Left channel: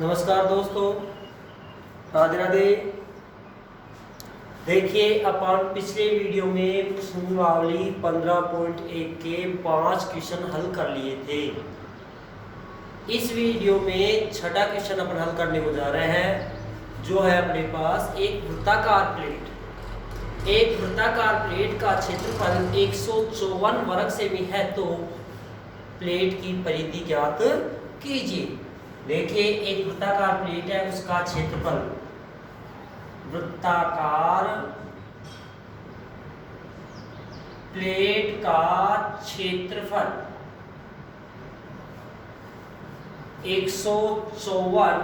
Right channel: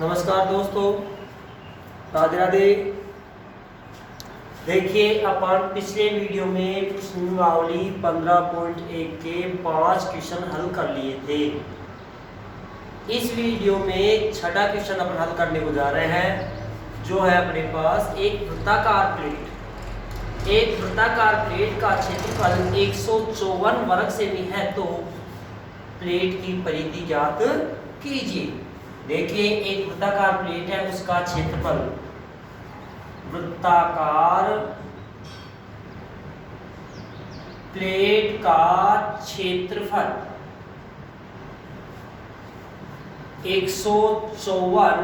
नमस्कार दोस्तों, राधे राधे। देखिए, अपन पिछले वीडियो में प्रश्नावली 15.1 के 5 क्वेश्चन हल कर लिए थे। इस वीडियो में छठा क्वेश्चन अपन हल करने को जा रहे हैं, जो है अपने पास एक वृत्ताकार प्लेट। एक वृत्ताकार प्लेट का क्षेत्रफल 154 वर्ग सेमी है, तो प्लेट की परिधि ज्ञात कीजिए। देखिए, एक वृत्ताकार प्लेट है, उसका क्षेत्रफल, वृत्ताकार प्लेट का क्षेत्रफल 154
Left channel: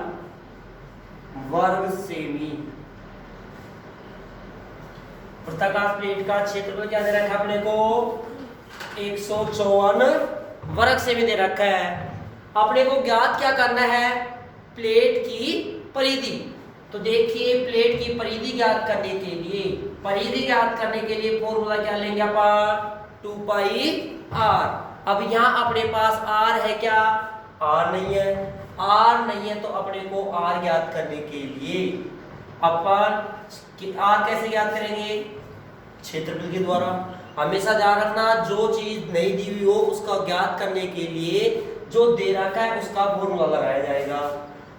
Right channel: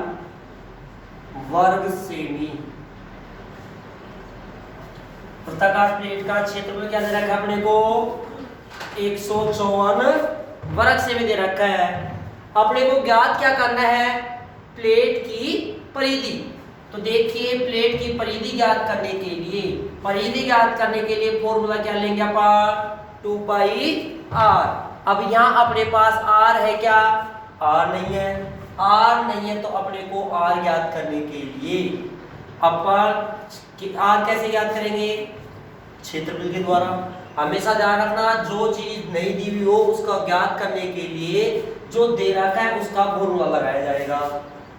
वर्ग सेमी। वृत्ताकार प्लेट का क्षेत्रफल क्या दे रखा है अपने को? 154 वर्ग सेमी दे रखा है। अपने को ज्ञात क्या करना है? प्लेट की परिधि। तो देखिए, प्लेट की परिधि ज्ञात करने के लिए फॉर्मूला क्या लेंगे अपन? 2 पाई r। अब यहाँ अपने पास r है क्या? r नहीं है। r नहीं है तो अपने को r ज्ञात करने के लिए अपन r कैसे ज्ञात करेंगे? क्षेत्रफल के द्वारा। हमेशा ध्यान रखना, जो चीज नहीं दी हुई हो उसका ज्ञात करने के लिए जो दे रखा है उसका फॉर्मूला लगाया जाएगा।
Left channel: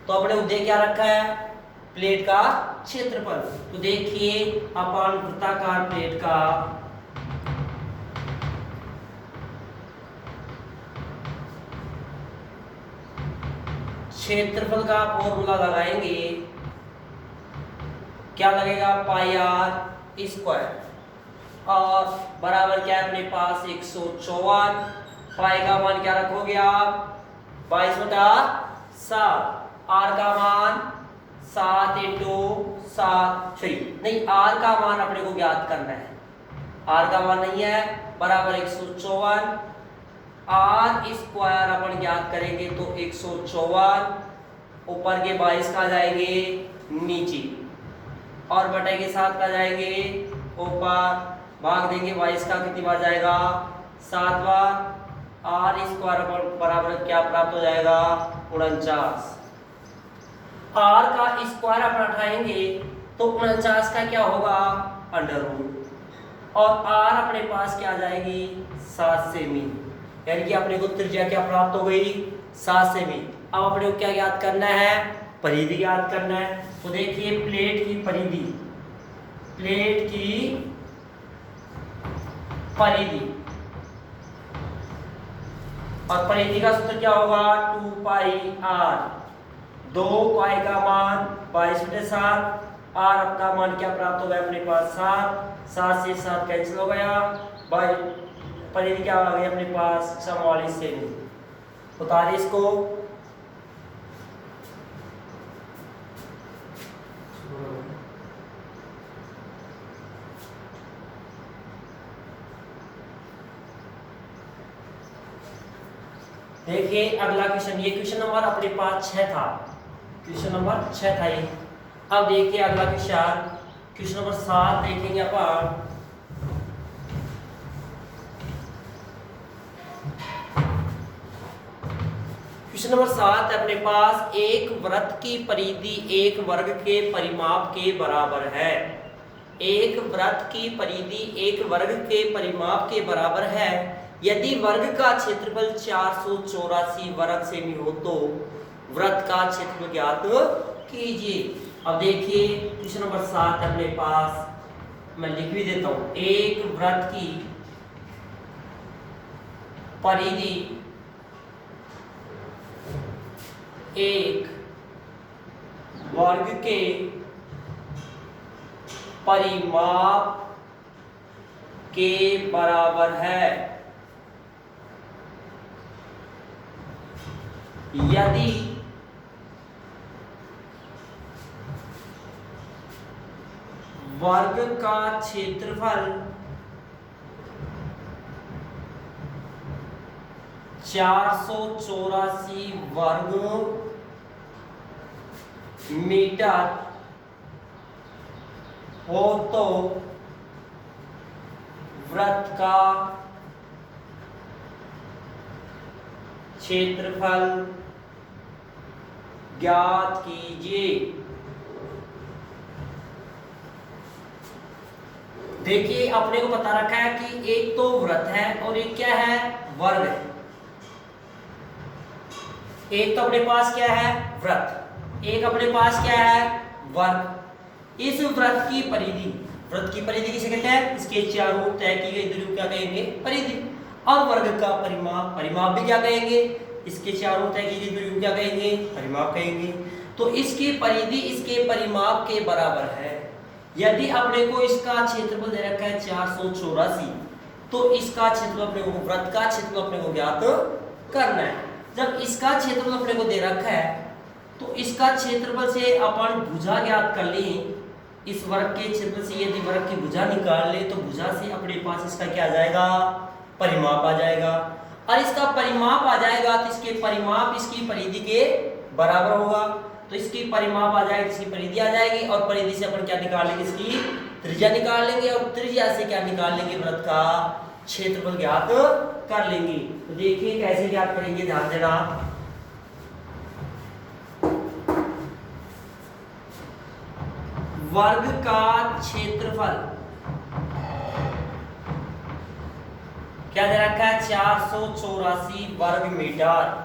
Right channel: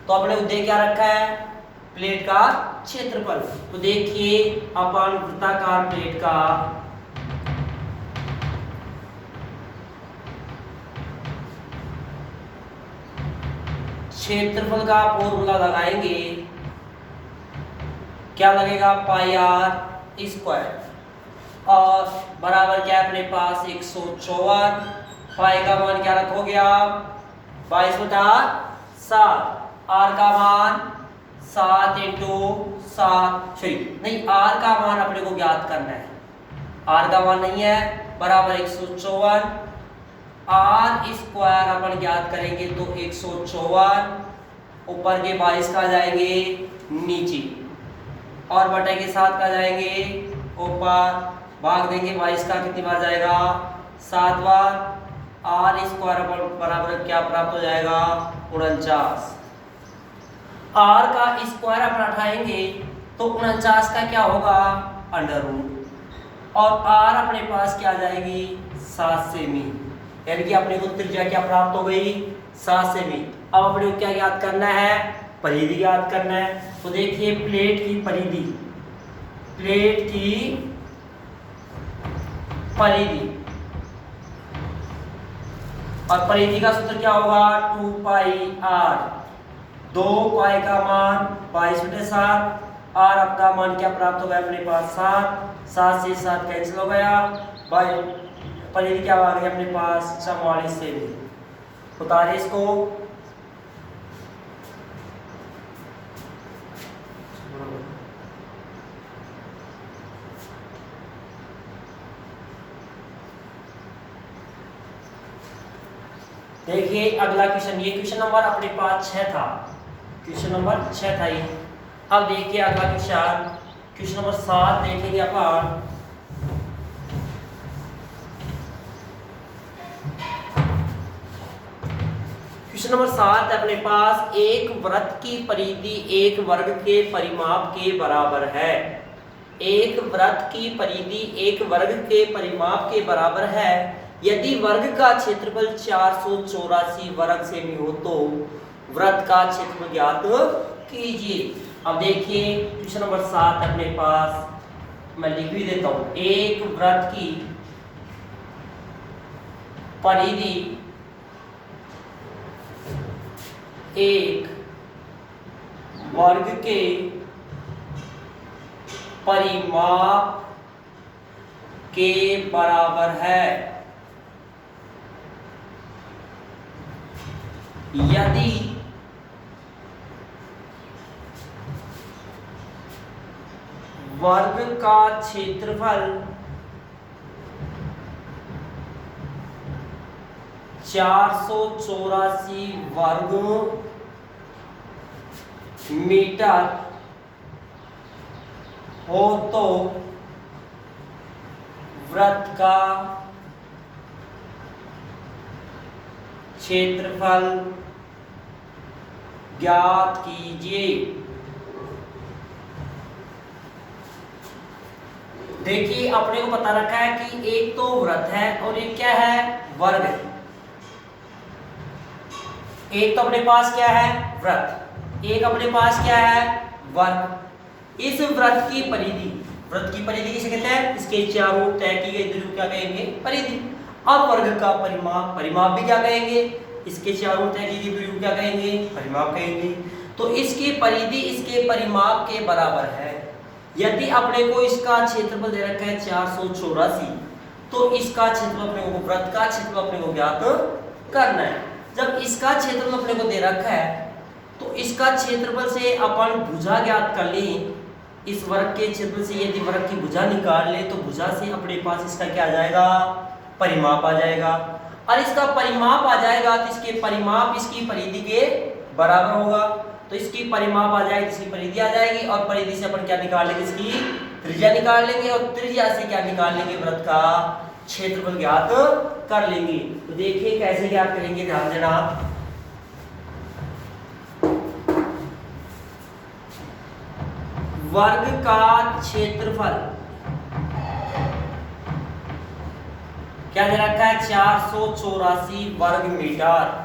तो अपने को दे क्या रखा है? प्लेट का क्षेत्रफल। तो देखिए, अपन वृत्ताकार प्लेट का क्षेत्रफल का फॉर्मूला लगाएंगे। क्या लगेगा? पाई r स्क्वायर, और बराबर क्या है अपने पास? 154। पाई का मान क्या रखोगे आप? 22/7। आर का मान 7 इंटू 7 नहीं, आर का मान अपने को ज्ञात करना है। आर का मान नहीं है, बराबर 154। आर स्क्वायर अपन ज्ञात करेंगे तो 154 ऊपर के 22 का जाएंगे नीचे, और बटे के 7 का जाएंगे ऊपर। भाग देंगे 22 का, कितनी बार जाएगा? 7 बार। आर स्क्वायर बराबर क्या प्राप्त हो जाएगा? 49। आर का स्क्वायर अपन उठाएंगे तो 49 का क्या होगा? Under root. और आर अपने पास क्या जाएगी? 7 सेमी। यानी कि अपने को त्रिज्या क्या प्राप्त हो गई? 7 सेमी। अब अपने को क्या ज्ञात करना है? परिधि ज्ञात करना है। तो देखिए, प्लेट की परिधि, और परिधि का सूत्र क्या होगा? 2 पाई r। 2 पाई का मान 22/7। r आपका मान क्या प्राप्त हो गया अपने पास? 7। 7 से 7 कैंसिल हो गया, भाई परिधि क्या आ गई अपने पास? 44 सेमी। उतारे इसको। देखिए, अगला क्वेश्चन, ये क्वेश्चन नंबर अपने पास 6 था। क्वेश्चन नंबर 6 था ये। अब देखिए अगला क्वेश्चन, क्वेश्चन नंबर 7 देखेंगे अपन। क्वेश्चन नंबर 7 अपने पास, एक वृत्त की परिधि एक वर्ग के परिमाप के बराबर है। एक वृत्त की परिधि एक वर्ग के परिमाप के बराबर है यदि वर्ग का क्षेत्रफल 484 वर्ग सेमी हो तो वृत्त का क्षेत्रफल ज्ञात कीजिए। अब देखिए, क्वेश्चन नंबर 7 अपने पास, मैं लिख भी देता हूं। एक वृत्त की परिधि एक वर्ग के परिमाप के बराबर है यदि वर्ग का क्षेत्रफल 484 वर्ग मीटर हो तो वृत्त का क्षेत्रफल ज्ञात कीजिए। देखिए अपने को पता रखा है कि एक तो वृत्त है और एक क्या है, वर्ग है। एक तो अपने पास क्या है, वृत्त, एक अपने पास क्या है, वर्ग। इस वृत्त की परिधि, वृत्त की परिधि किसे कहते हैं, इसके चारों तय की गई दूरी क्या कहेंगे, परिधि। और वर्ग का परिमाप, परिमाप भी क्या कहेंगे, इसके चारों तय की गई दूरी को क्या कहेंगे, परिमाप कहेंगे। तो इसकी परिधि इसके परिमाप के बराबर है। यदि अपने को इसका क्षेत्रफल दे रखा है 484, तो इसका क्षेत्रफल अपने को, वृत्त का क्षेत्रफल अपने को ज्ञात करना है। जब इसका क्षेत्रफल अपने को दे रखा है तो इसका क्षेत्रफल से अपन भुजा ज्ञात कर लें। इस वर्ग के क्षेत्रफल से यदि वर्ग की भुजा निकाल ले तो भुजा से अपने पास इसका क्या आ जाएगा, परिमाप आ जाएगा। और इसका परिमाप आ जाएगा तो इसके परिमाप इसकी परिधि के बराबर होगा। तो इसकी परिमाप आ जाएगी, इसकी परिधि आ जाएगी, और परिधि से अपन क्या निकाल लेंगे, इसकी त्रिज्या निकाल लेंगे, और त्रिज्या से क्या निकाल लेंगे, वृत्त का क्षेत्रफल ज्ञात कर लेंगे। तो देखिए कैसे ज्ञात करेंगे, ध्यान देना। वर्ग का क्षेत्रफल क्या दे रखा है, 484 वर्ग मीटर,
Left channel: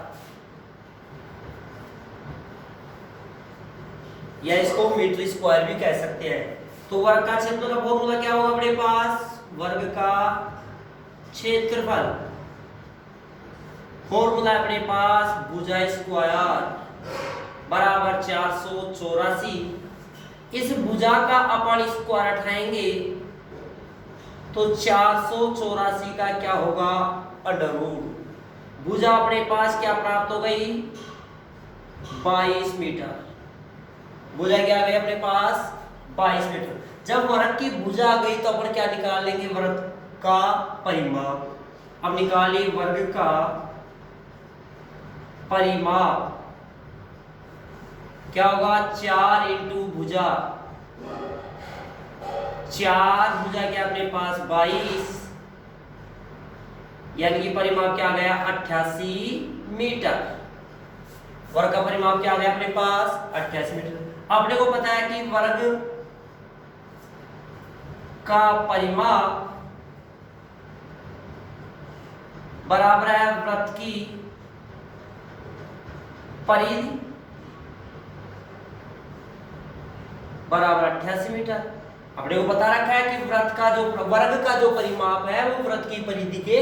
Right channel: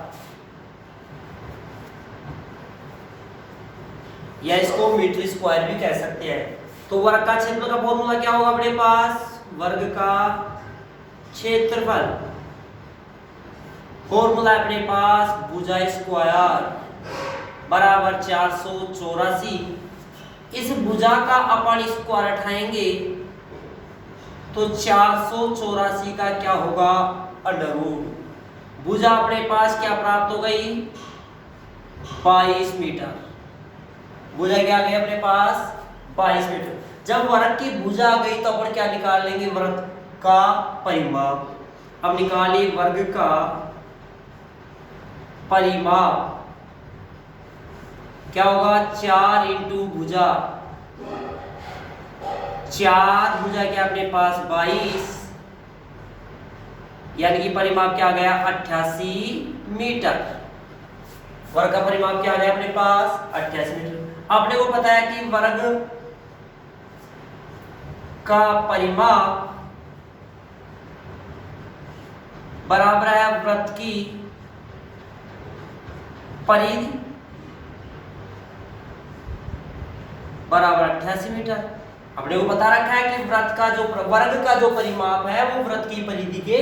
या इसको मीटर स्क्वायर भी कह सकते हैं। तो वर्ग का क्षेत्रफल का फॉर्मूला क्या होगा अपने पास, वर्ग का क्षेत्रफल, फॉर्मूला अपने पास भुजा स्क्वायर बराबर 484। इस भुजा का अपन स्क्वायर उठाएंगे तो 484 का क्या होगा, अंडर रूट। भुजा अपने पास क्या प्राप्त हो गई, 22 मीटर। भुजा क्या आ गई अपने पास, 22 मीटर। जब वर्ग की भुजा आ गई तो अपन क्या निकाल लेंगे, वर्ग का परिमाप। अब निकालिए वर्ग का परिमाप, क्या होगा, 4 इंटू भुजा, 4 भुजा क्या अपने पास 22, यानी कि परिमाप क्या आ गया 88 मीटर। वर्ग का परिमाप क्या आ गया अपने पास 88 मीटर। आपने को पता है कि वर्ग का परिमाप बराबर है वृत्त की परिधि बराबर 88 मीटर। अपने को पता रखा है कि वृत्त का जो वर्ग का जो परिमाप है वो वृत्त की परिधि के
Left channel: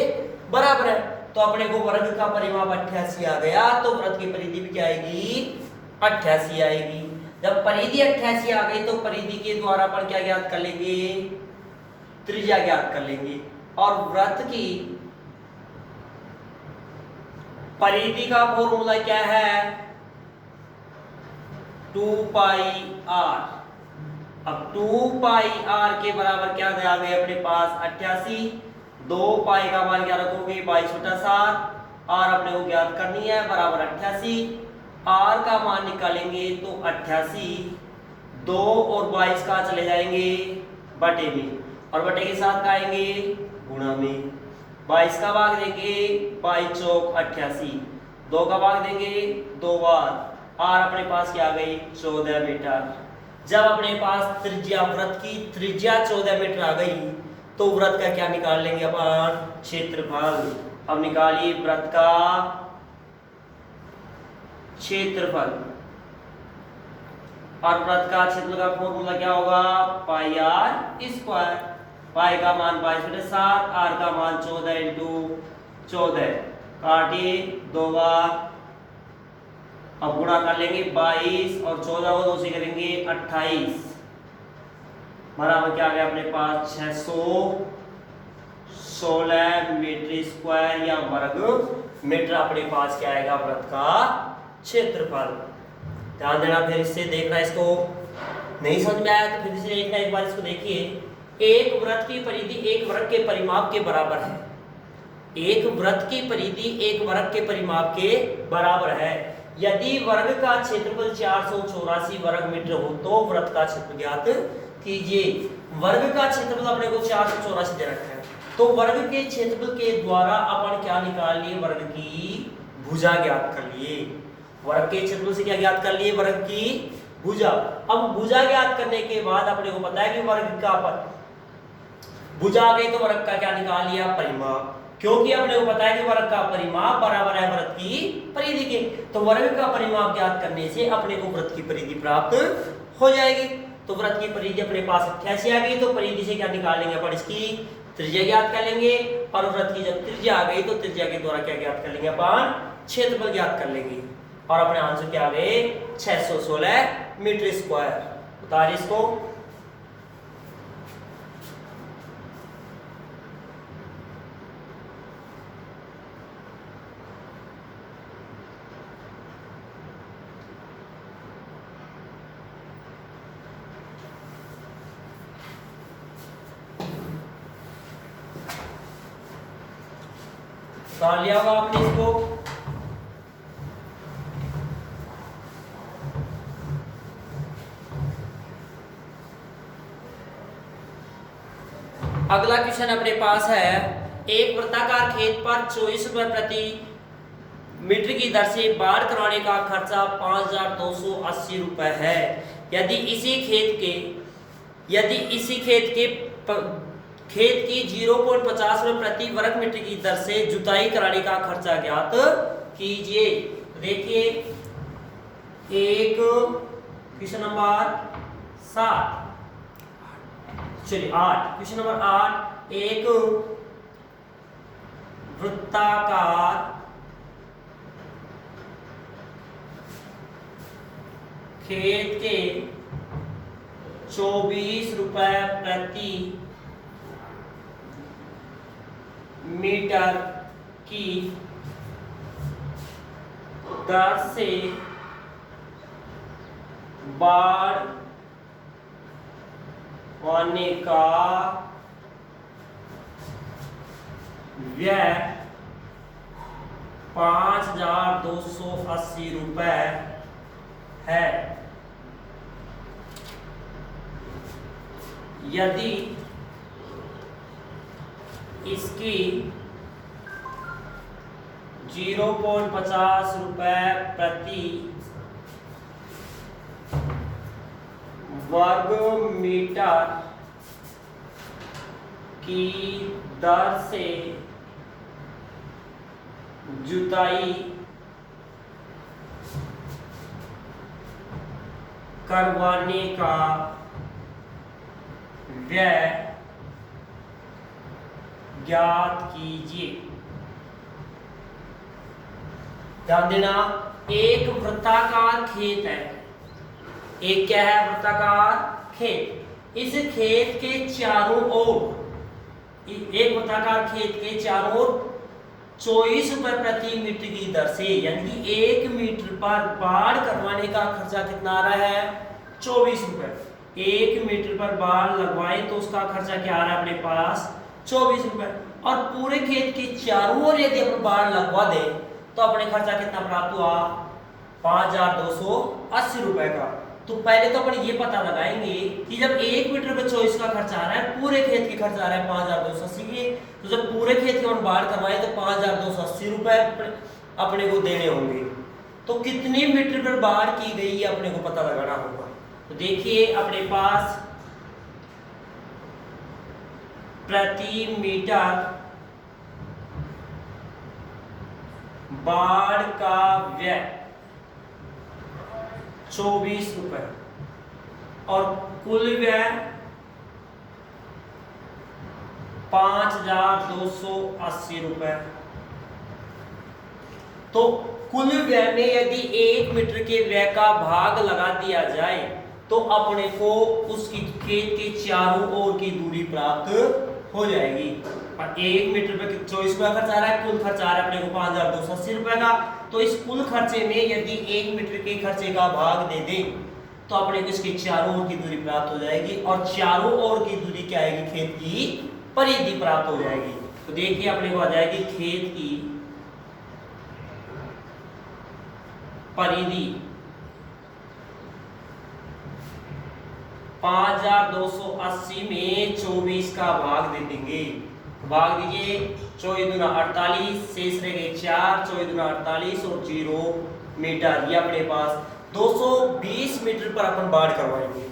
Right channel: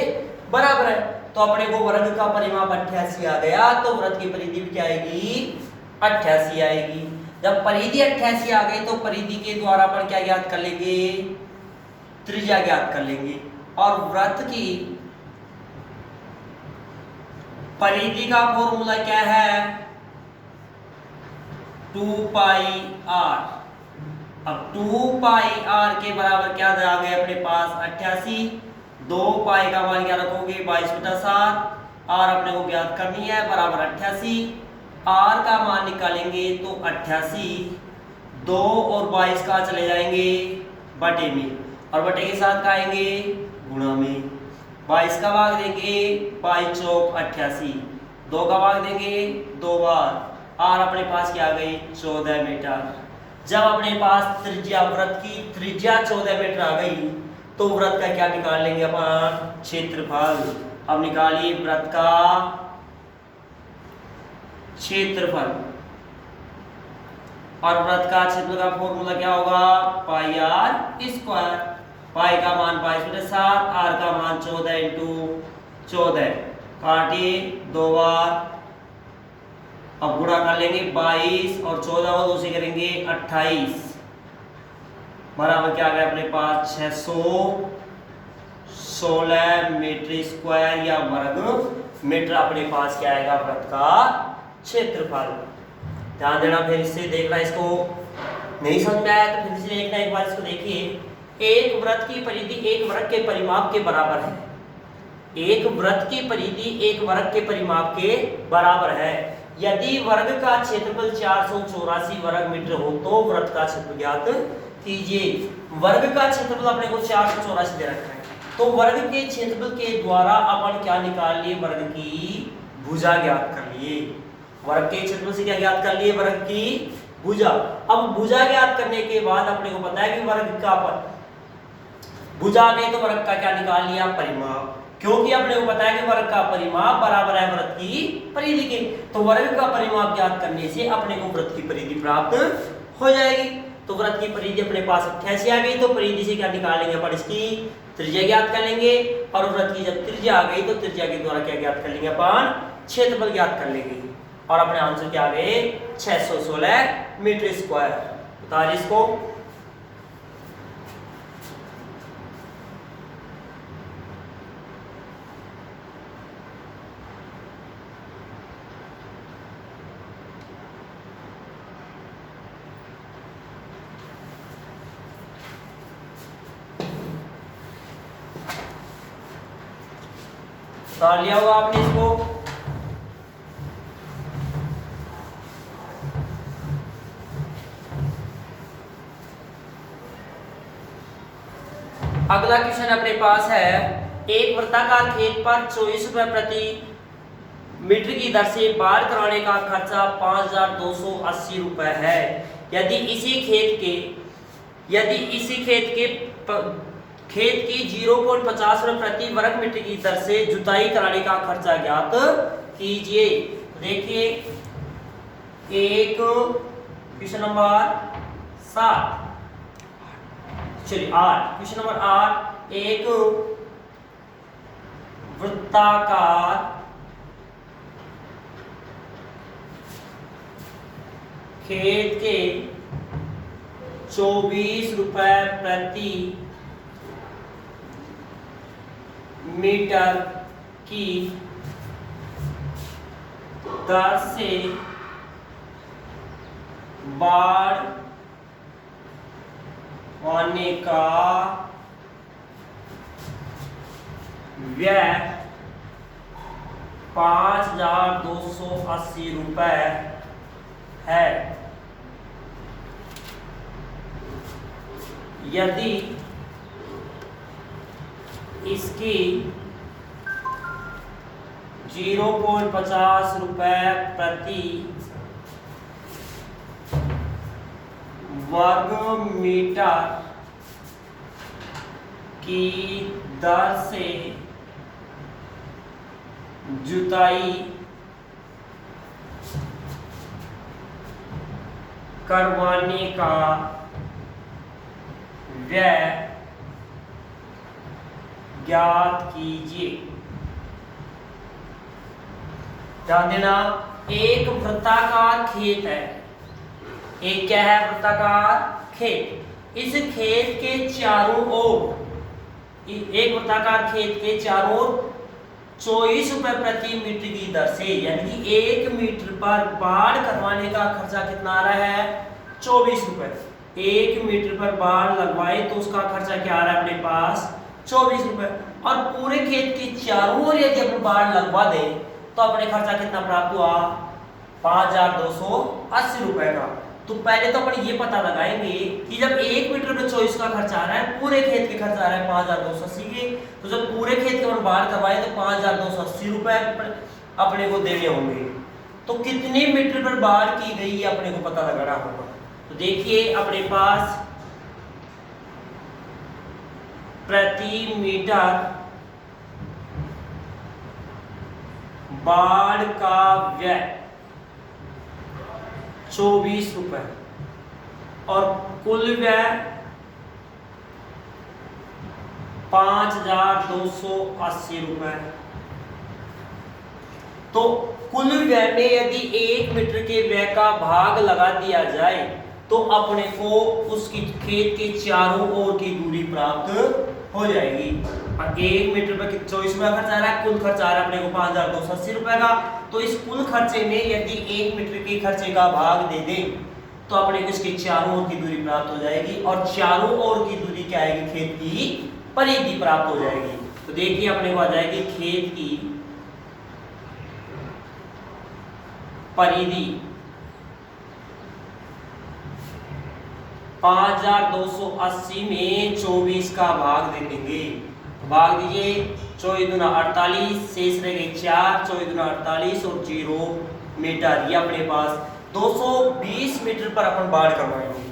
बराबर है। तो अपने को वर्ग का परिमाप 88 आ गया, तो वृत्त की परिधि भी क्या आएगी, 88 आएगी। जब परिधि 88 आ गई तो परिधि के द्वारा अपन क्या ज्ञात कर लेंगे, त्रिज्या ज्ञात कर लेंगे। और वृत्त की परिधि का फॉर्मूला क्या है, 2 पाई r। अब 2 पाई r के बराबर क्या आ गया अपने पास 88। 2 पाई का मान क्या रखोगे 22 बटा 7, r अपने को ज्ञात करनी है बराबर 88। r का मान निकालेंगे तो 88, 2 और 22 का चले जाएंगे बटे में, और बटे के साथ का आएंगे गुणा में। 22 का भाग देंगे 22 चौक 88, 2 का भाग देंगे 2 बार, r अपने पास क्या आ गई 14 मीटर। जब अपने पास त्रिज्या, वृत्त की त्रिज्या 14 मीटर आ गई तो वृत्त का क्या निकाल लेंगे अपन, क्षेत्रफल। अब निकालिए वृत्त का क्षेत्रफल, और वृत्त का क्षेत्रफल का फॉर्मूला क्या होगा, पाई r स्क्वायर। पाई का मान 22 बटा 7, r का मान 14 इंटू 14, काटिए 2 बार। अब गुणा कर लेंगे 22 और 14 को 2 से करेंगे 28, बराबर क्या आ गया अपने पास 616 मीटर स्क्वायर या वर्ग मीटर अपने पास क्या आएगा वृत्त का क्षेत्रफल। ध्यान देना, फिर इससे देखना, इसको नहीं समझ में आया तो फिर से देखना एक बार, इसको देखिए। एक वृत्त की परिधि एक वर्ग के परिमाप के बराबर है। एक वृत्त की परिधि एक वर्ग के परिमाप के बराबर है। यदि वर्ग का क्षेत्रफल 484 वर्ग मीटर हो तो वृत्त का क्षेत्रफल ज्ञात कीजिए। वर्ग का क्षेत्रफल अपने को 484 दे रखा है, तो वर्ग के क्षेत्रफल के द्वारा अपन क्या निकाल लिए, वर्ग की भुजा ज्ञात कर लिए। वर्ग के क्षेत्रफल से क्या ज्ञात कर लिए, वर्ग की भुजा। अब भुजा ज्ञात करने के बाद अपने को पता है कि वर्ग का भुजा आ गई तो वर्ग का क्या निकाल लिया, परिमाप, क्योंकि अपने को पता है कि वर्ग का परिमाप बराबर है वृत्त की परिधि के। तो वर्ग का परिमाप ज्ञात करने से अपने को वृत्त की परिधि प्राप्त हो जाएगी। तो वृत्त की परिधि अपने पास 88 आ गई, तो परिधि से क्या निकालेंगे अपन, इसकी त्रिज्या ज्ञात कर लेंगे। और वृत्त की जब त्रिज्या आ गई तो त्रिज्या के द्वारा क्या ज्ञात कर लेंगे अपन, क्षेत्रफल ज्ञात कर लेंगे। और अपने आंसर क्या आ गए, 616 मीटर स्क्वायर। बता इसको। कर लिया होगा आपने इसको। अगला क्वेश्चन अपने पास है, एक वृत्ताकार खेत पर 24 रुपए प्रति मीटर की दर से बाढ़ कराने का खर्चा 5280 रुपए है। यदि इसी खेत की 0.50 रुपए प्रति वर्ग मीटर की दर से जुताई कराने का खर्चा ज्ञात कीजिए। देखिए एक क्वेश्चन नंबर 7, चलिए 8, क्वेश्चन नंबर 8, एक वृत्ताकार खेत के 24 रुपए प्रति मीटर की दर से बाढ़ आने का व्यय 5280 रुपए है। यदि इसकी 0.50 रुपए प्रति वर्ग मीटर की दर से जुताई करवाने का व्यय ज्ञात कीजिए। ध्यान देना, एक वृत्ताकार खेत है, एक क्या है, वृत्ताकार खेत। इस खेत के चारों ओर, एक वृत्ताकार खेत के चारों ओर 24 रुपए प्रति मीटर की दर से, यानी कि 1 मीटर पर बाढ़ करवाने का खर्चा कितना आ रहा है, 24 रुपए। 1 मीटर पर बाढ़ लगवाए तो उसका खर्चा क्या आ रहा है अपने पास, 24 रुपए। और पूरे खेत के चारों ओर यदि अपन बाढ़ लगवा दे तो अपने खर्चा कितना प्राप्त हुआ, 5280 रुपए का। तो पहले तो अपन ये पता लगाएंगे कि जब 1 मीटर पे 24 का खर्चा आ रहा है, पूरे खेत के खर्चा आ रहा है 5280 के, तो जब पूरे खेत के अपन बाढ़ करवाए तो 5280 रुपए अपने को देने होंगे। तो कितने मीटर पर बाढ़ की गई है अपने को पता लगाना होगा। तो देखिए अपने पास प्रति मीटर बाढ़ का व्यय 24 रुपए और कुल व्यय 5280 रुपए। तो कुल व्यय में यदि 1 मीटर के व्यय का भाग लगा दिया जाए तो अपने को उसकी खेत के चारों ओर की दूरी प्राप्त हो जाएगी। और 1 मीटर पर 24 रुपया खर्च आ रहा है, कुल खर्च आ रहा है अपने को 5280 रुपए का। तो इस कुल खर्चे में यदि 1 मीटर के खर्चे का भाग दे दें तो अपने को इसके चारों ओर की दूरी प्राप्त हो जाएगी। और चारों ओर की दूरी क्या आएगी, खेत की परिधि प्राप्त हो जाएगी। तो देखिए अपने को आ जाएगी खेत की परिधि 5280 में 24 का भाग दे देंगे। भाग दीजिए, 24 दूना 48, शेष रह गए 4, 24 दूना 48 और 0 मीटर। ये अपने पास 220 मीटर पर अपन बाढ़ करवाएंगे।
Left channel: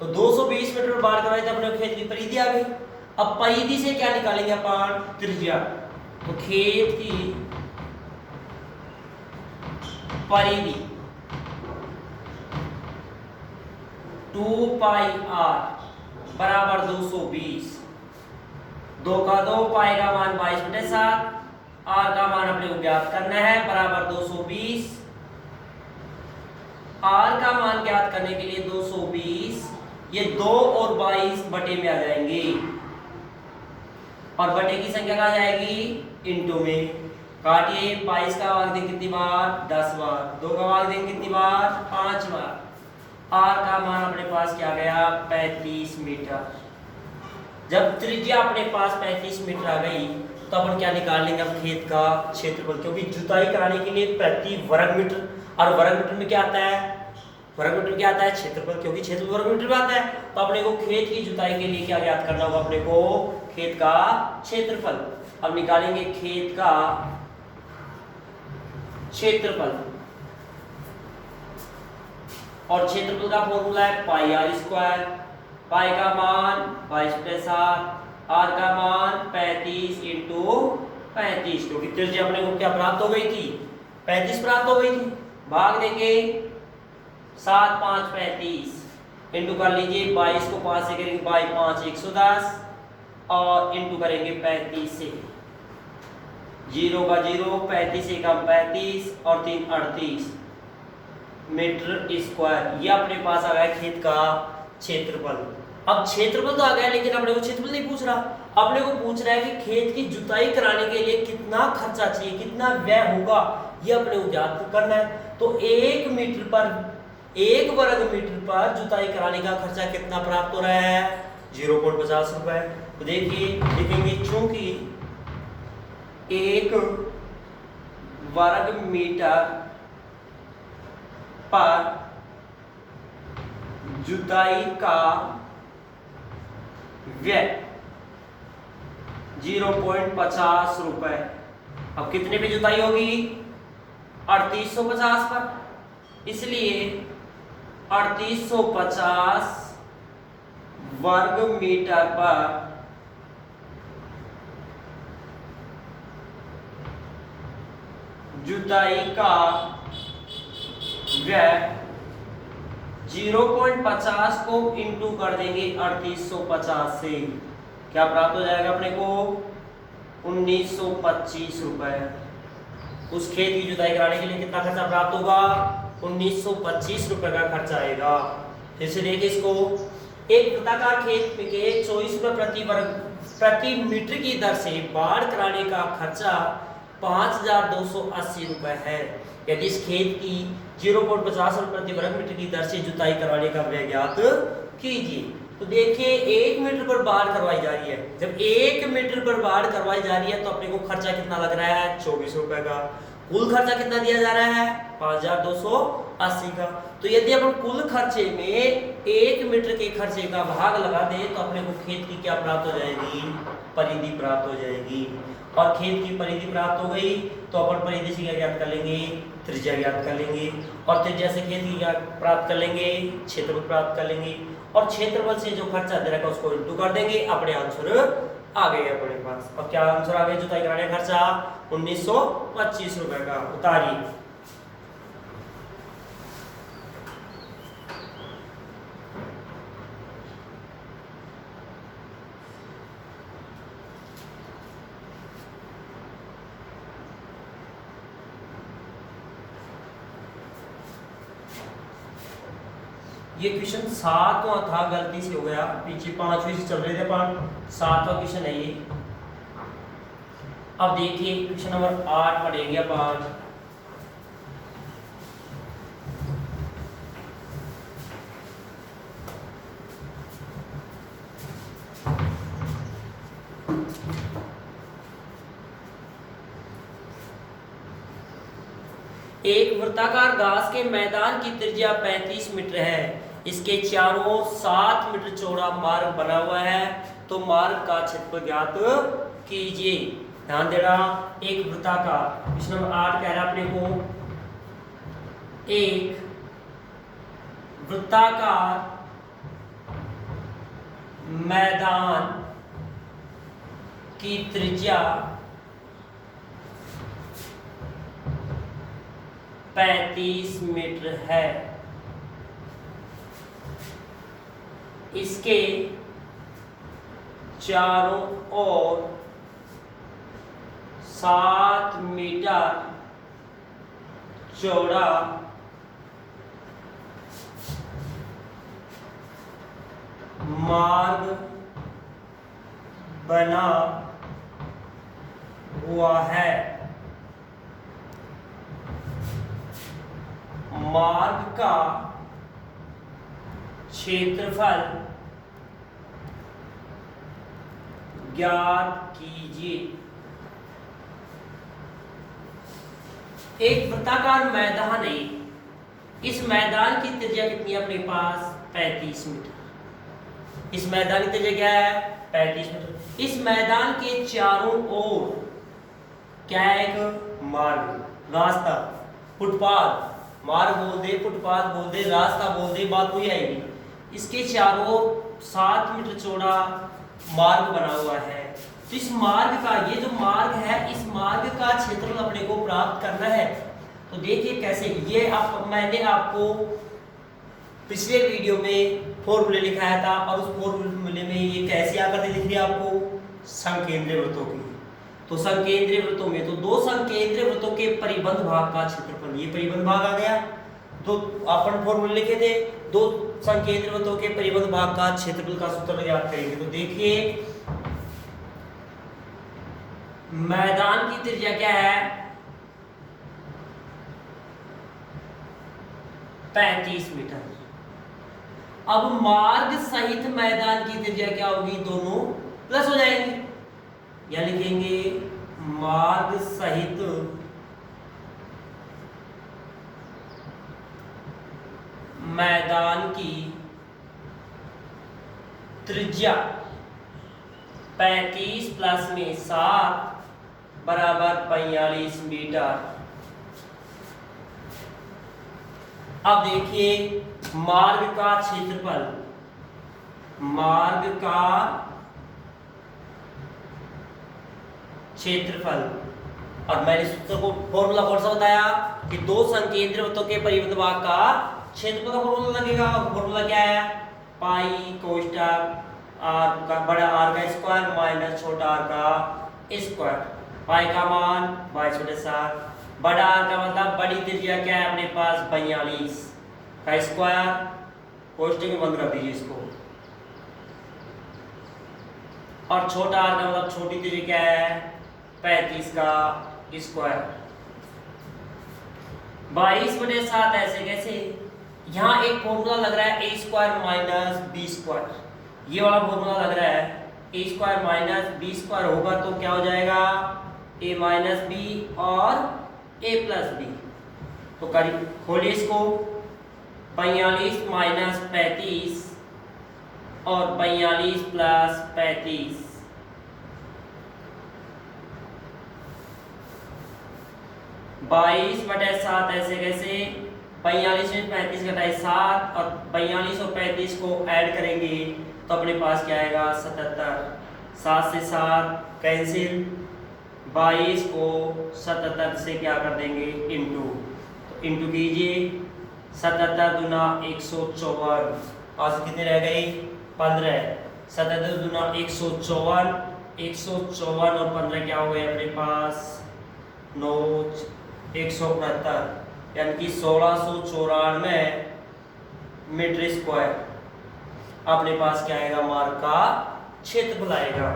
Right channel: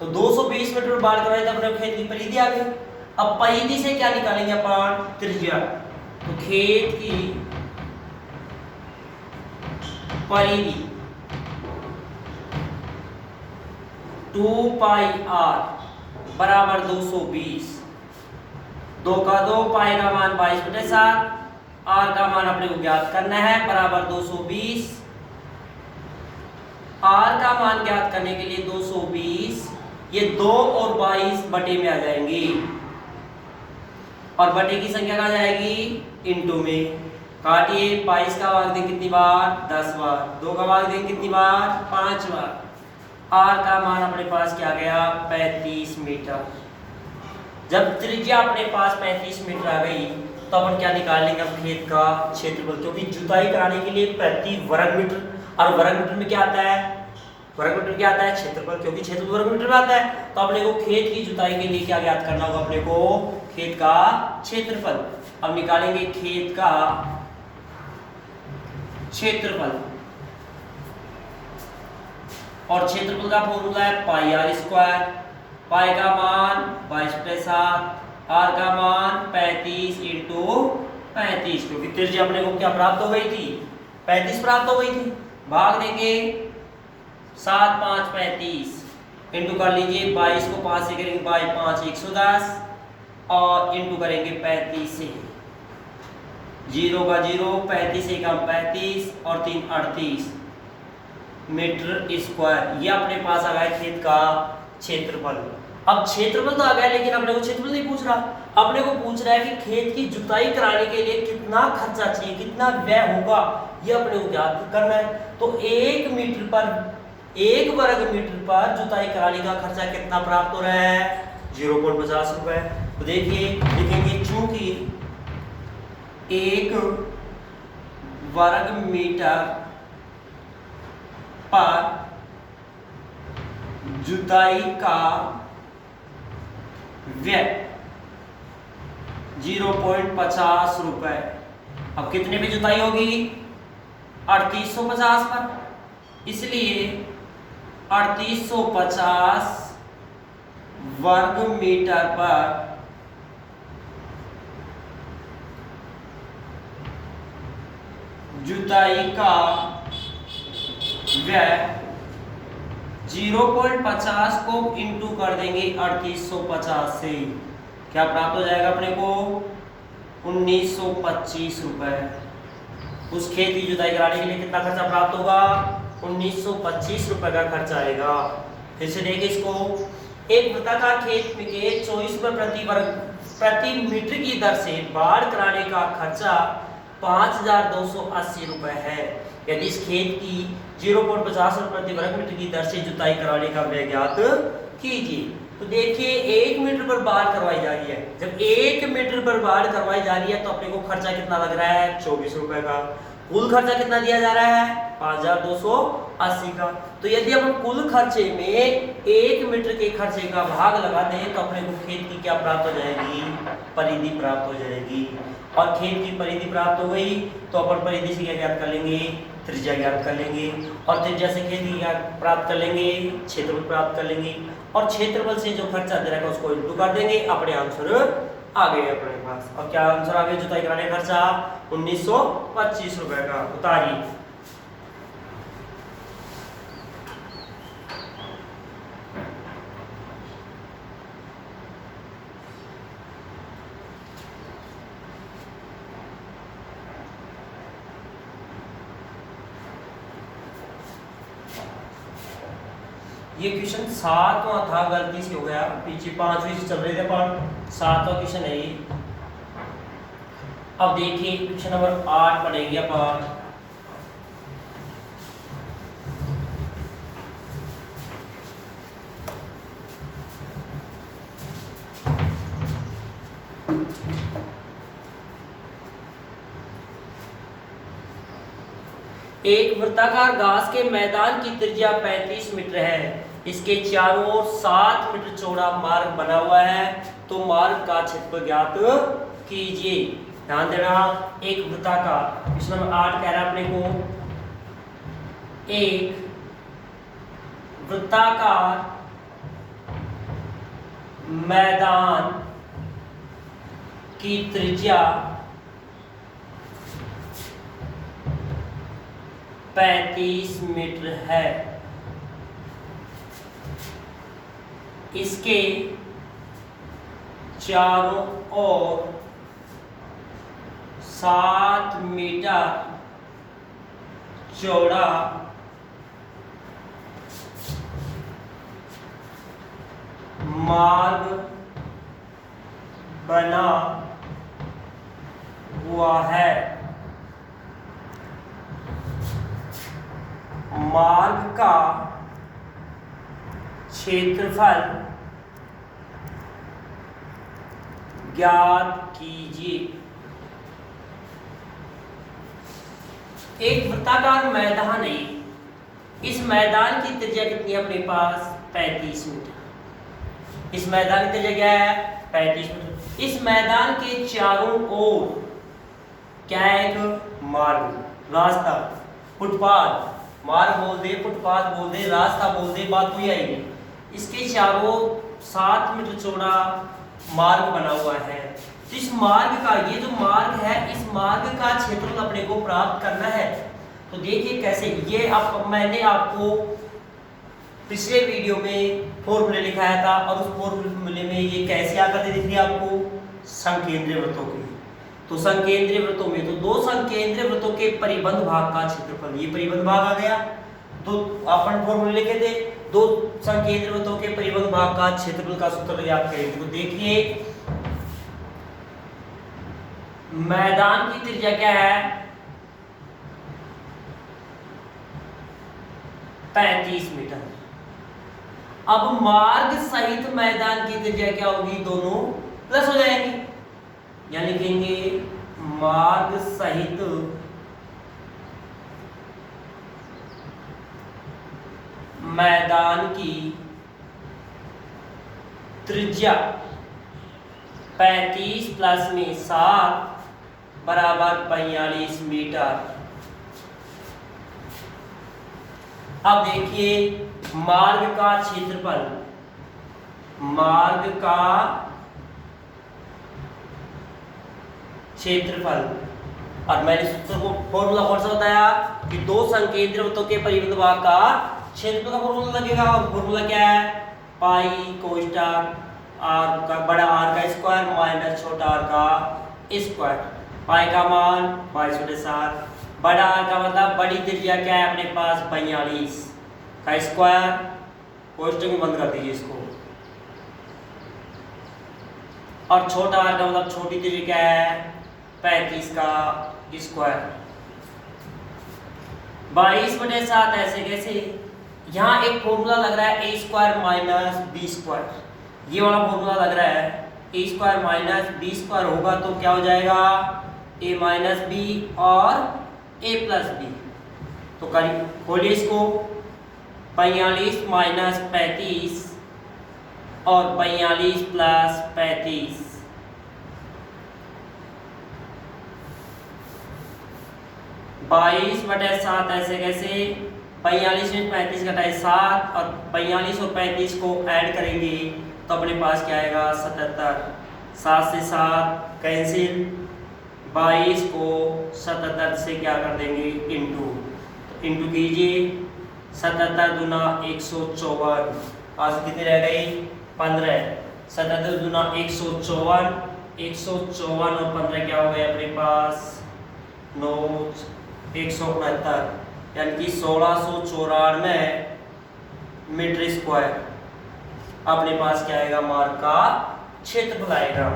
तो 220 मीटर पर बाढ़ करवाए तो अपने खेत की परिधि आ गई। अब परिधि से क्या निकालेंगे अपन? त्रिज्या। तो खेत की परिधि 2 पाई r बराबर 220। 2 का 2, पाई का मान 22/7, r का मान अपने को ज्ञात करना है बराबर 220। r का मान ज्ञात करने के लिए 220 ये 2 और 22 बटे में आ जाएंगे और बटे की संख्या कहाँ जाएगी? इनटू में। काटिए, 22 का भाग दें कितनी बार? 10 बार। 2 का भाग दें कितनी बार? 5 बार। r का मान अपने पास क्या गया? 35 मीटर। जब त्रिज्या अपने पास 35 मीटर आ गई तो अपन क्या निकाल लेंगे? अब खेत का क्षेत्रफल, क्योंकि जुताई कराने के लिए प्रति वर्ग मीटर, और वर्ग मीटर में क्या आता है? वर्ग मीटर क्या आता है? क्षेत्रफल, क्योंकि क्षेत्रफल वर्ग मीटर में आता है। तो अपने को खेत की जुताई के लिए क्या ज्ञात करना होगा? अपने को खेत का क्षेत्रफल। अब निकालेंगे खेत का क्षेत्रफल, और क्षेत्रफल का फॉर्मूला है पाई आर स्क्वायर। पाई का मान 22/7, आर का मान 35 इंटू 35, क्योंकि त्रिज्या अपने को क्या प्राप्त हो गई थी? 35 प्राप्त हो गई थी। भाग देंगे 7 5 35 इंटू कर लीजिए, 22 को 5 से करेंगे, 5 110 और इंटू करेंगे 35 से, 0 का 0, 35 से कम 35 और 3 38 मीटर स्क्वायर। ये अपने पास आ गया खेत का क्षेत्रफल। अब क्षेत्रफल तो आ गया, लेकिन अपने को क्षेत्रफल नहीं पूछ रहा, अपने को पूछ रहा है कि खेत की जुताई कराने के लिए कितना खर्चा चाहिए, कितना व्यय होगा, ये अपने को ज्ञात करना है। तो 1 मीटर पर, 1 वर्ग मीटर पर जुताई कराने का खर्चा कितना प्राप्त हो रहा है? 0.50 रुपए। तो देखिए लिखेंगे, चूंकि 1 वर्ग मीटर पर जुताई का व्यय 0.50 रुपए। अब कितने पे जुताई होगी? 3850 पर, इसलिए 3850 वर्ग मीटर पर जुताई का व्यय 0.50 को इंटू कर देंगे 3850 से, क्या प्राप्त हो जाएगा अपने को? 1925 रुपए। उस खेत की जुताई कराने के लिए कितना खर्चा प्राप्त होगा? 1925 रुपए का खर्चा आएगा। जैसे देखिए इसको, एक वृत्ताकार खेत में के 24 रुपए प्रति मीटर की दर से बाढ़ कराने का खर्चा 5280 रुपए है। यदि इस खेत की 0.50 रुपए प्रति वर्ग मीटर की दर से जुताई कराने का व्यय ज्ञात कीजिए। तो देखिए 1 मीटर पर बाढ़ करवाई जा रही है। जब 1 मीटर पर बाढ़ करवाई जा रही है तो अपने को खर्चा कितना लग रहा है? 24 रुपए का। कुल खर्चा कितना दिया जा रहा है? 5280 का। तो यदि अपन कुल खर्चे में 1 मीटर के खर्चे का भाग लगा दें तो अपने को खेत की क्या प्राप्त हो जाएगी? परिधि प्राप्त हो जाएगी। और खेत की परिधि प्राप्त हो गई तो अपन परिधि से क्या ज्ञात कर लेंगे? त्रिज्या ज्ञात कर लेंगे, और त्रिज्या से खेत की क्या प्राप्त कर लेंगे? क्षेत्रफल प्राप्त कर लेंगे, और क्षेत्रफल से जो खर्चा दे रखा है उसको इंटू कर देंगे। अपने आंसर आ गए अपने पास। और क्या आंसर आ गया? जुताई कराने का खर्चा 1925 रुपए का। उतारिए। ये क्वेश्चन 7वां था, गलती से हो गया, पीछे 5वीं से चल रहे थे पर 7वां क्वेश्चन है ये। अब देखिए क्वेश्चन नंबर 8 पढ़ेंगे अपन। एक वृत्ताकार घास के मैदान की त्रिज्या 35 मीटर है। इसके चारों ओर 7 मीटर चौड़ा मार्ग बना हुआ है। तो मार्ग का क्षेत्रफल ज्ञात कीजिए। ध्यान देना, एक वृत्ताकार, प्रश्न नंबर 8 कह रहा है अपने को एक वृत्ताकार मैदान की त्रिज्या 35 मीटर है। इसके चारों ओर 7 मीटर चौड़ा मार्ग बना हुआ है। मार्ग का क्षेत्रफल ज्ञात कीजिए। एक वृत्ताकार मैदान है। इस मैदान की त्रिज्या कितनी है अपने पास? 35 मीटर। इस मैदान की त्रिज्या क्या है? 35 मीटर। इस मैदान के चारों ओर क्या है? एक मार्ग, रास्ता, फुटपाथ, मार्ग बोल दे, फुटपाथ बोल दे, रास्ता बोल दे, बात वही आएगी। इसके चारों 7 मीटर चौड़ा मार्ग बना हुआ है। तो इस मार्ग का, ये जो मार्ग है, इस मार्ग का क्षेत्रफल अपने को प्राप्त करना है। तो देखिए कैसे, ये मैंने आपको पिछले वीडियो में फॉर्मूले लिखाया था और उस फॉर्मूले में ये कैसी आकृति दिख रही है आपको? संकेंद्रीय वृत्तों की। तो संकेंद्रीय वृत्तों में तो दो संकेंद्रीय वृत्तों के परिबंध भाग का क्षेत्रफल, ये परिबंध भाग आ गया। तो अपन फॉर्मूले लिखे थे, दो संकेंद्रीय वृत्तों के परिबंध भाग का क्षेत्रफल का सूत्र याद करेंगे। तो देखिए मैदान की त्रिज्या क्या है? 35 मीटर। अब मार्ग सहित मैदान की त्रिज्या क्या होगी? दोनों प्लस हो जाएंगे, या लिखेंगे मार्ग सहित मैदान की त्रिज्या 35 प्लस में 7 बराबर 45 मीटर। अब देखिए मार्ग का क्षेत्रफल, मार्ग का क्षेत्रफल, और मैंने सूत्र को फॉर्मूला कौन सा बताया कि दो संकेंद्रीय वृत्तों के परिबंध भाग का क्षेत्रफल का फॉर्मूला लगेगा। और फॉर्मूला क्या है? पाई कोष्टक आर का बड़ा आर का स्क्वायर माइनस छोटा आर का स्क्वायर। पाई का मान 22/7, बड़ा आर का मतलब बड़ी त्रिज्या क्या है अपने पास? 42 का स्क्वायर, कोष्टक में बंद कर दीजिए इसको, और छोटा आर का मतलब छोटी त्रिज्या क्या है? 35 का स्क्वायर। 22/7 ऐसे कैसे? यहाँ एक फॉर्मूला लग रहा है ए स्क्वायर माइनस बी स्क्वायर, ये वाला फॉर्मूला लग रहा है। ए स्क्वायर माइनस बी स्क्वायर होगा तो क्या हो जाएगा? ए माइनस बी और ए प्लस बी। तो करीब खोलिए इसको, 45 माइनस 35 और 42 प्लस 35, 22/7 ऐसे कैसे? 45 में 35 घटाए 7, और 42 और 35 को ऐड करेंगे तो अपने पास क्या आएगा? 77। 7 से 7 कैंसिल, 22 को 77 से क्या कर देंगे? इंटू। तो इंटू कीजिए, 77 दूना 154, पास कितने रह गए? 15। 77 दूना 154, 154 और 15 क्या हो गए अपने पास? 9, 169, यानी कि 1694 मीटर स्क्वायर अपने पास क्या आएगा? मार्ग का क्षेत्रफल आएगा।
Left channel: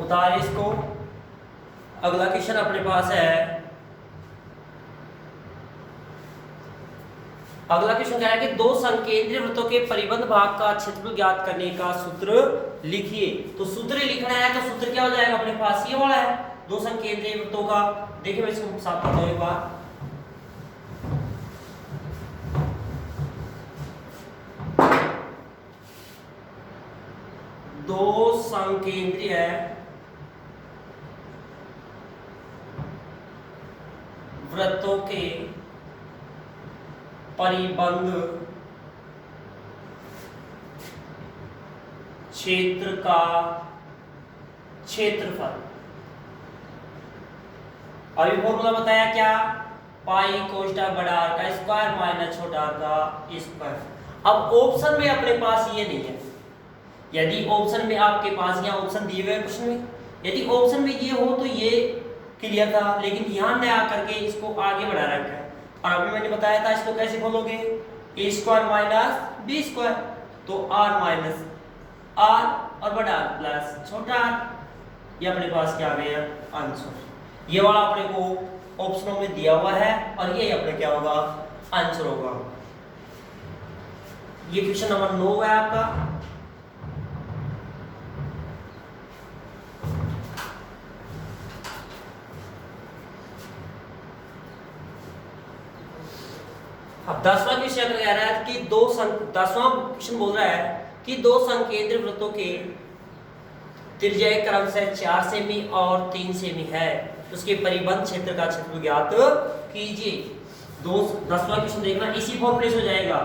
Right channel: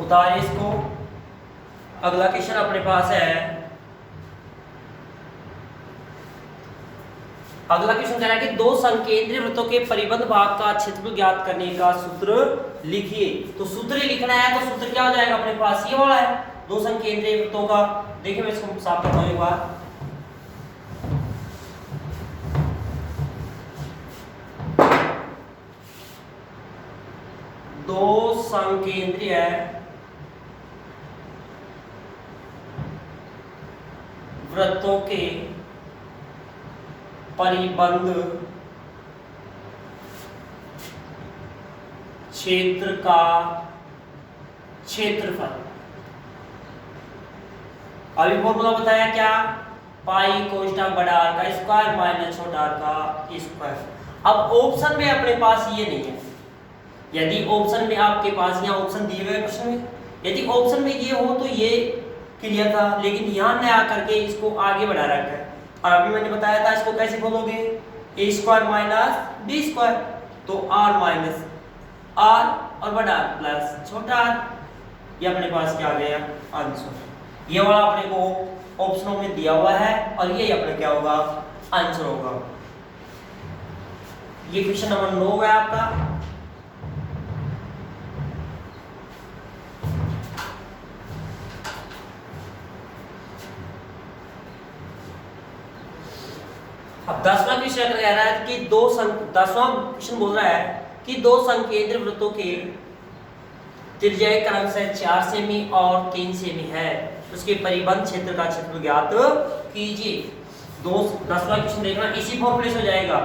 उतारिए इसको। अगला क्वेश्चन अपने पास है, अगला क्वेश्चन कह रहा है कि दो संकेंद्रीय वृत्तों के परिबंध भाग का क्षेत्रफल ज्ञात करने का सूत्र लिखिए। तो सूत्र लिखना है तो सूत्र क्या हो जाएगा अपने पास? ये वाला है, दो संकेंद्रीय वृत्तों का। देखिए मैं इसको साफ करता हूं एक बार। दो संकेंद्रीय वृत्तों के परिबंध क्षेत्र का क्षेत्रफल। अभी फॉर्मूला बताया क्या, पाई कोष्ठक बड़ा आर का स्क्वायर माइनस छोटा आर का स्क्वायर। अब ऑप्शन में अपने पास ये नहीं है। यदि ऑप्शन में आपके पास यहाँ ऑप्शन दिए हुए प्रश्न में यदि ऑप्शन में ये हो तो ये क्लियर था, लेकिन यहाँ न आकर के इसको आगे बढ़ा रखा है। और अभी मैंने बताया था इसको कैसे खोलोगे, ए स्क्वायर माइनस बी स्क्वायर, तो आर माइनस आर और बड़ा आर प्लस छोटा आर, ये अपने पास क्या आ गया आंसर। ये वाला अपने को ऑप्शनों में दिया हुआ है और ये अपने क्या होगा आंसर होगा। ये क्वेश्चन नंबर 9 है आपका। अब 10वां क्वेश्चन कह रहा है कि 10वां क्वेश्चन बोल रहा है कि दो संकेंद्रीय वृत्तों के त्रिज्या क्रम से 4 सेमी और 3 सेमी है, उसके परिबंध क्षेत्र का क्षेत्र ज्ञात कीजिए। 10वां क्वेश्चन देखना इसी फॉर्मूले से हो जाएगा।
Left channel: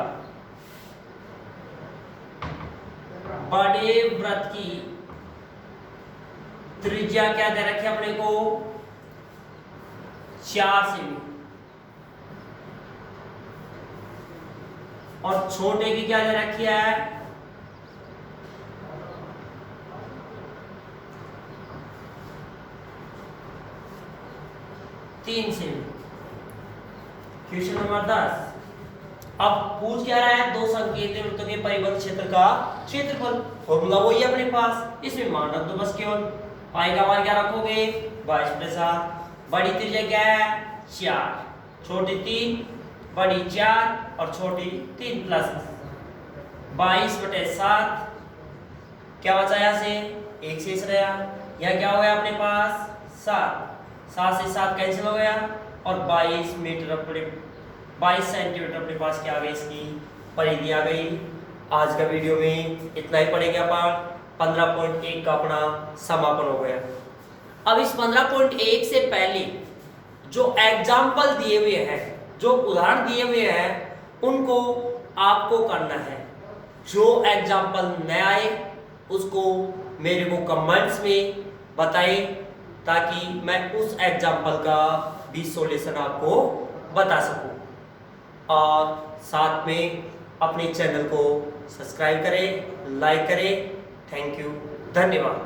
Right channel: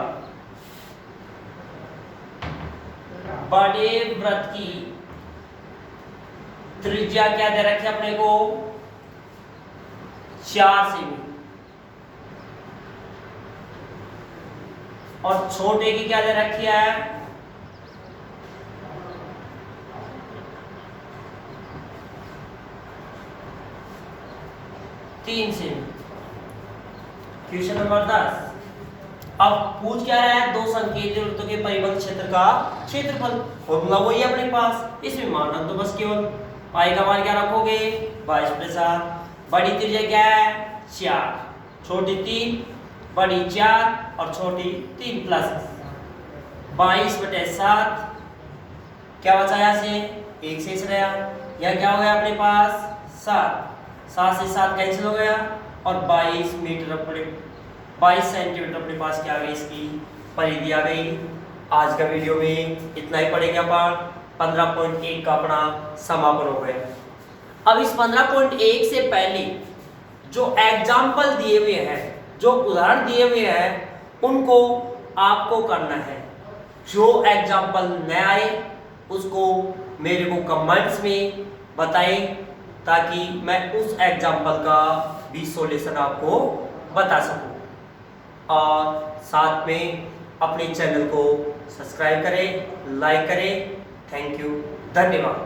बड़े वृत्त की त्रिज्या क्या दे रखी है अपने को 4 सेमी और छोटे की क्या दे रखी है 3 सेमी। Question number 10। अब पूछ क्या रहा है, दो संकेंद्रीय वृत्तों के परिबंध क्षेत्र का क्षेत्रफल। फॉर्मूला वही है अपने पास, इसमें मान रख दो बस केवल। पाई का मान क्या रखोगे 22/7। बड़ी त्रिज्या क्या है 4, छोटी 3, बड़ी 4 और छोटी 3 प्लस 22/7। क्या बचा यहाँ से 1 शेष रहा, यह क्या हो गया अपने पास 7 से 7 कैंसिल हो गया और 22 मीटर अपने 22 सेंटीमीटर अपने पास क्या आ गई इसकी परिधि आ गई। आज का वीडियो में इतना ही पड़ेगा। अपन 15.1 का अपना समापन हो गया। अब इस 15.1 से पहले जो एग्जाम्पल दिए हुए हैं, जो उदाहरण दिए हुए हैं, उनको आपको करना है। जो एग्जाम्पल न आए उसको मेरे को कमेंट्स में बताएं ताकि मैं उस एग्जाम्पल का भी सॉल्यूशन आपको बता सकूं। और साथ में अपने चैनल को सब्सक्राइब करें, लाइक करें। थैंक यू, धन्यवाद।